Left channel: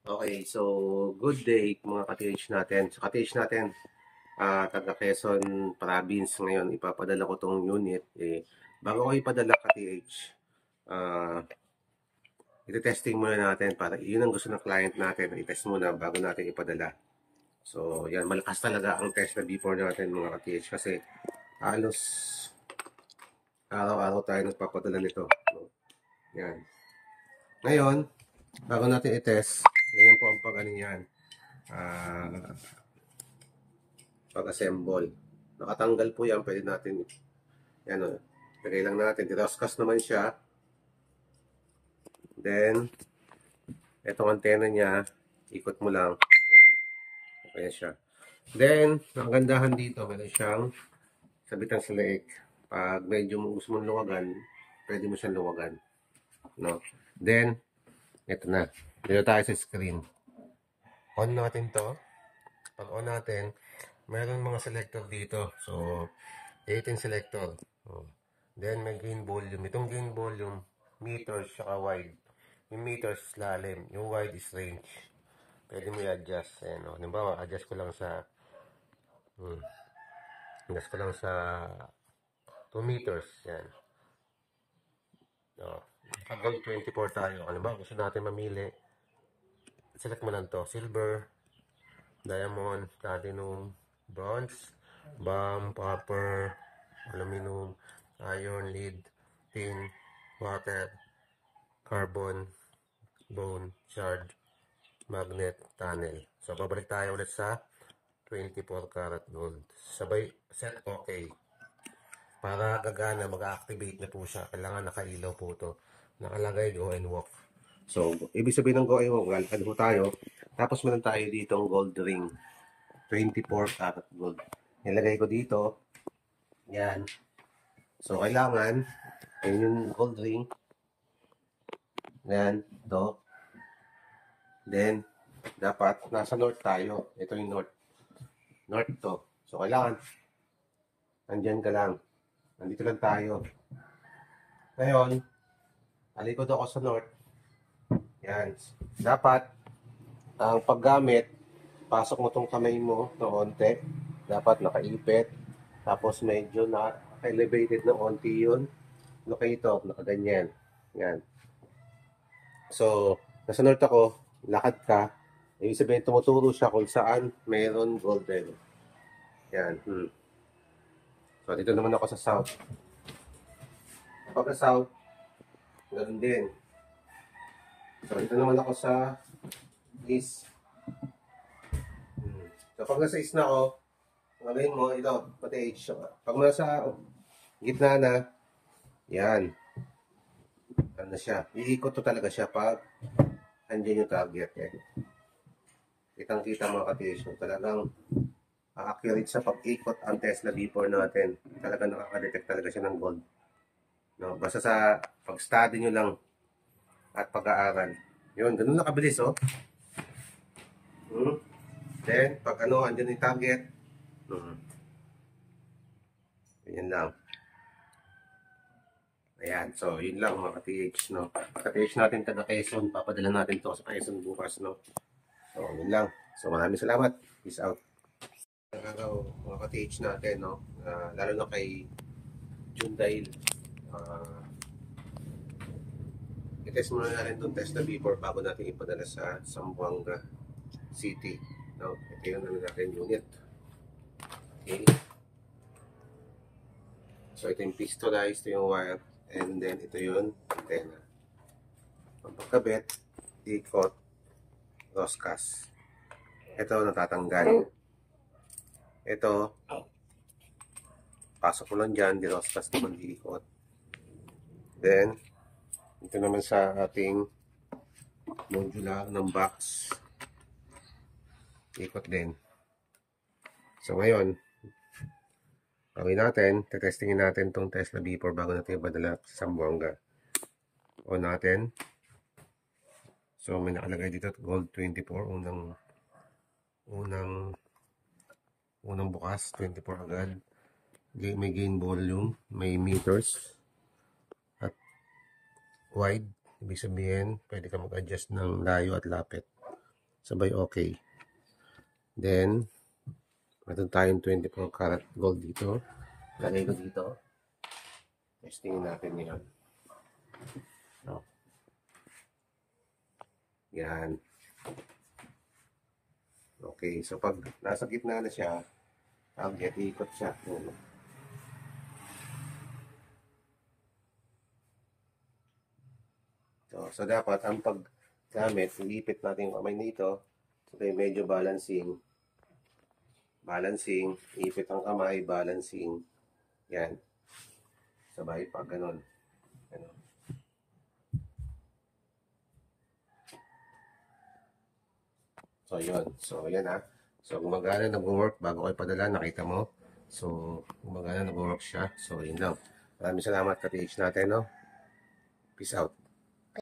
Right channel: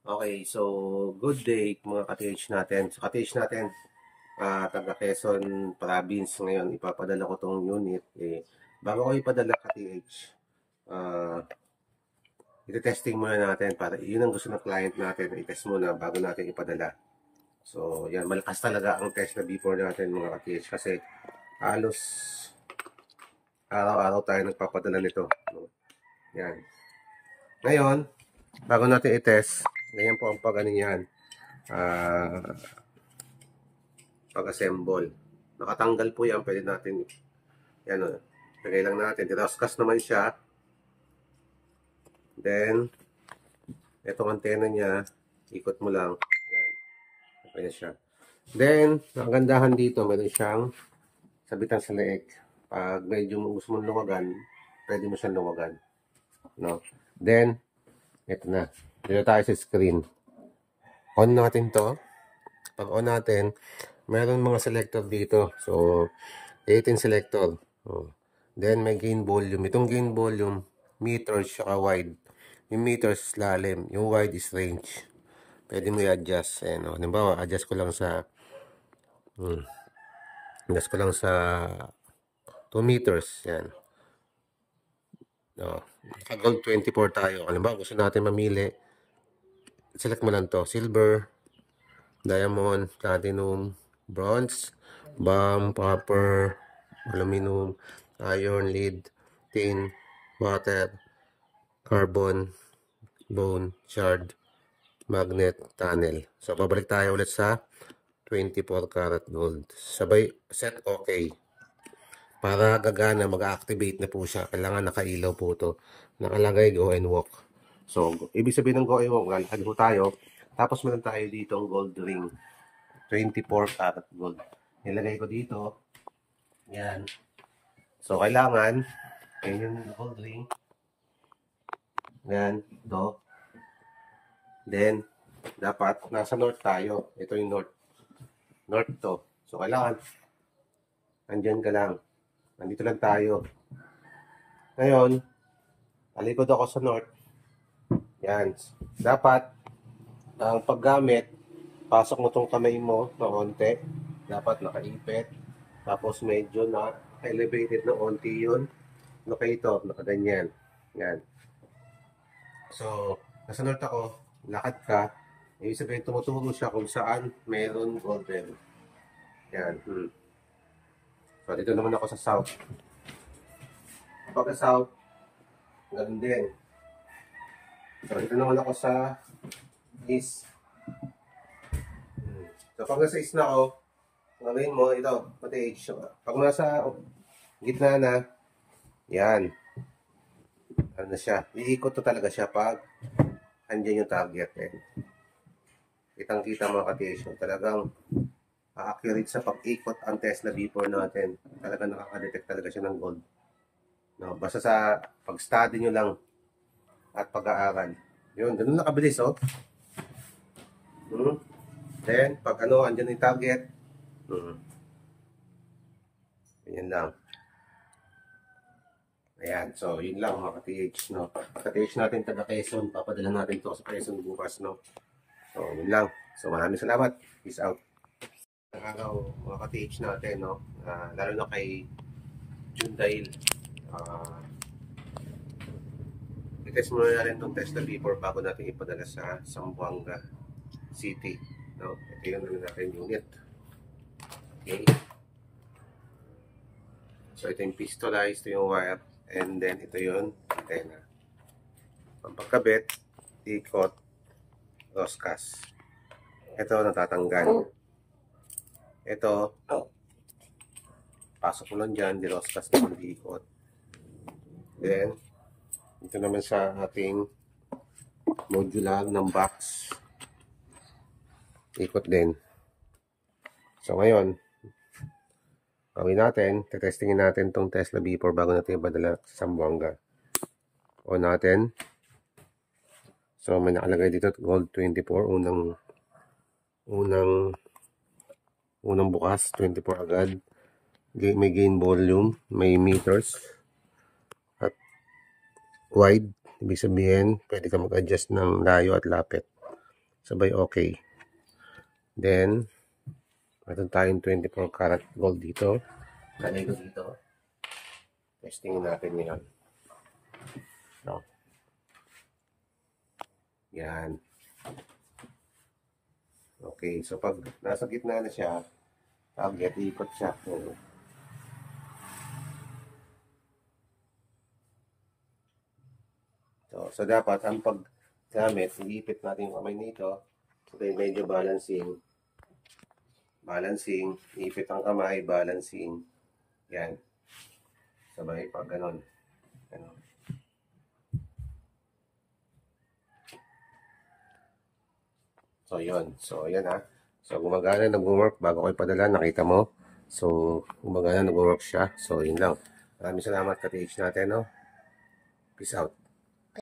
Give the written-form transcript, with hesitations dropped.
Okay, so good day mga ka-TH natin. So ka-TH natin, taga Quezon Province ngayon, ipapadala ko tong unit. Bago ko ipadala ka-TH, ite-testing muna natin para yun ang gusto ng client natin. I-test muna bago natin ipadala. So yan, malakas talaga ang Tesla B4 natin mga ka-TH kasi halos araw-araw tayo nagpapadala nito. No? Yan. Ngayon, bago natin i-test, ganyan po ang pag-ano niyan. Pag-assemble. Nakatanggal po yan. Pwede natin, yan o. Lagay lang natin. Diroscas naman siya. Then, itong antena niya, ikot mo lang. Yan. Okay na siya. Then, ang gandahan dito, meron siyang sabitan sa leeg. Pag medyo gusto mong luwagan, pwede mo siyang luwagan. No? Then, ito na. Dito tayo sa screen. On natin to. Pag on natin, meron mga selector dito. So, 18 selector. Then, may gain volume. Itong gain volume, meters, saka wide. Yung meters, lalim. Yung wide is range. Pwede mo i-adjust. Ayan, halimbawa, adjust ko lang sa 2 meters. Yan. Gold 24 tayo. Halimbawa, gusto natin mamili. Select mo lang to. Silver, diamond, platinum, bronze, bum, copper, aluminum, iron, lead, tin, water, carbon, bone, shard, magnet, tunnel. So, babalik tayo ulit sa 24 karat gold. Sabay, set okay. Para gagana, mag-activate na po siya. Kailangan nakailaw po to. Nakalagay, go and walk. So, ibig sabihin ng go and walk, lalakad po tayo. Tapos meron tayo dito ang gold ring. 24 karat gold. Nilagay ko dito. Yan. So, kailangan, ayun yung gold ring. Yan, ito. Then, dapat nasa north tayo. Ito yung north. North to. So, kailangan, andyan ka lang. Nandito lang tayo. Ngayon, alikod ako sa north. Yan. Dapat, ang paggamit, pasok mo tong kamay mo na onte. Dapat nakaipit. Tapos medyo na elevated na onti yun. Nakaito, nakaganyan. Yan. So, nasa north ako, lakad ka. Ibig sabihin, tumuturo siya kung saan mayroon golden. Yan. So, dito naman ako sa south. Pagka south, ganoon din. So, dito naman ako sa east. So, pag nasa east na ako, gawin mo, ito, pati H. Pag nasa gitna na, yan. Ano na siya? Iikot to talaga siya pag andyan yung target eh. Kitang-kita mga ka-TH, talagang accurate sa pag-ikot ang Tesla B4 natin. Talagang nakaka-detect talaga siya ng gold. No, basta sa pag-study nyo lang at pag-aaral. Yun, ganun na kabilis oh. Then, pag ano, andyan yung target. Yan lang. Ayan, so yun lang mga ka-TH, no. Ka-TH natin taga Quezon, papadala natin to sa Quezon bukas, no. So, yun lang. So, maraming salamat. Peace out. Ang araw, mga ka-TH natin, no. Lalo na kay Jundail. I-test muna na rin itong Tesla B4 bago natin ipadala sa Zamboanga City. No? Ito yung ano natin unit. Okay. So, ito yung pistolized, ito yung wire. And then, ito yung antena. Pampagkabit, ikot, roscas. Ito, natatanggal. Ito, pasok ko lang dyan, di roscas naman diikot. Then, ito naman sa ating modular ng box. Ikot din. So, ngayon, gawin natin, tetestingin natin tong Tesla B4 bago natin ipadala sa Zamboanga. On natin. So, may nakalagay dito, gold 24, unang bukas, 24 agad. May gain volume, may meters, at wide. Ibig sabihin, pwede ka mag-adjust ng layo at lapit. Sabay okay. Then, meron tayong 24 karat gold dito. Lagay ko dito. Testingin natin ngayon. No. Yan. Okay, so pag nasa gitna na siya, target, ikot siya. So dapat ang paggamit, iipit natin yung kamay nito. So, medyo balancing. Balancing, ipit ang kamay, balancing. Yan. Sabay pag ganon. Ganon. So, yun. So, yan ha. So, gumagana, nag-work. Bago kayo padala, nakita mo. So, gumagana, nag-work siya. So, yun lang. Maraming salamat ka-TH natin, no? Peace out.